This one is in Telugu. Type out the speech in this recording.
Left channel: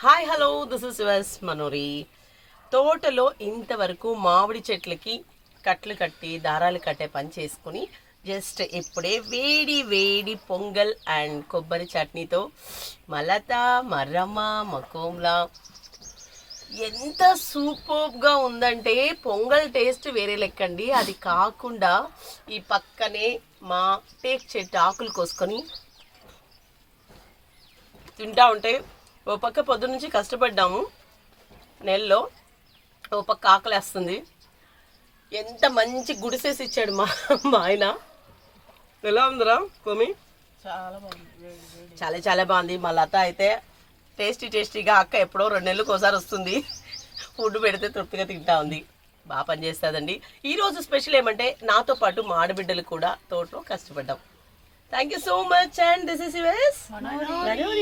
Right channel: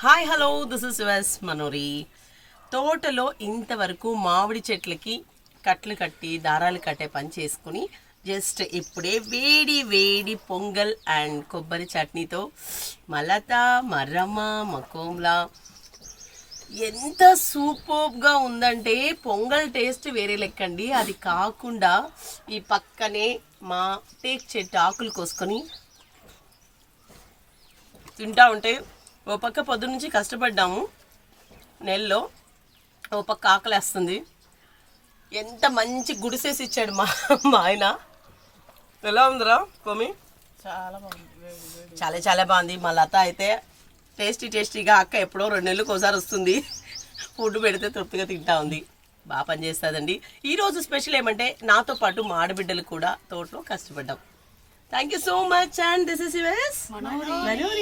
Hi hello this is yours Manori. తోటలో ఇంతవరకు మామిడి చెట్లకి కట్లు కట్టి దారాలు కట్టే పని చేసుకుని జస్ట్ ఇప్పుడే వేడి వేడి పొంగల్ అండ్ కొబ్బరి చట్నీతో మలత మర్రమ్మ మకోమ్లా ఎంత సూపర్గా ఉందంటే పొంగల్ టేస్ట్ వేరే లెక్కండి. అది కాకుండా ఈ పక్కనే మా టేక్ చెట్టు ఆకులు కోసుకొని తింటా ఉంటే ఓ పక్క పొద్దు నుంచి కష్టపడ్డాము నెలలో, ఓ పక్క ఆకలేస్తుంది. ఎంత మంచి గుడిసేసి ఇచ్చాడు మా ఆయన. ఎలా ఉందిరా కోమి? చాలా బాగుంది, చాలా చాలా బాగుంది. మా లత అయితే టేస్టీగా అక్క ఎప్పుడో 2 నెలలకు ఒకసారి వస్తుంది, ఫుడ్ పెడితే తృప్తిగా తింటా ఉంది. బాగా పనిచేస్తుందండి. ఈరోజు స్పెషల్ ఏమంటే నాతో పాటు మా ఆడబిడ్డలు కూడా తోటలో కష్టపడ్డాం. Thank you so much and this is yours Manori.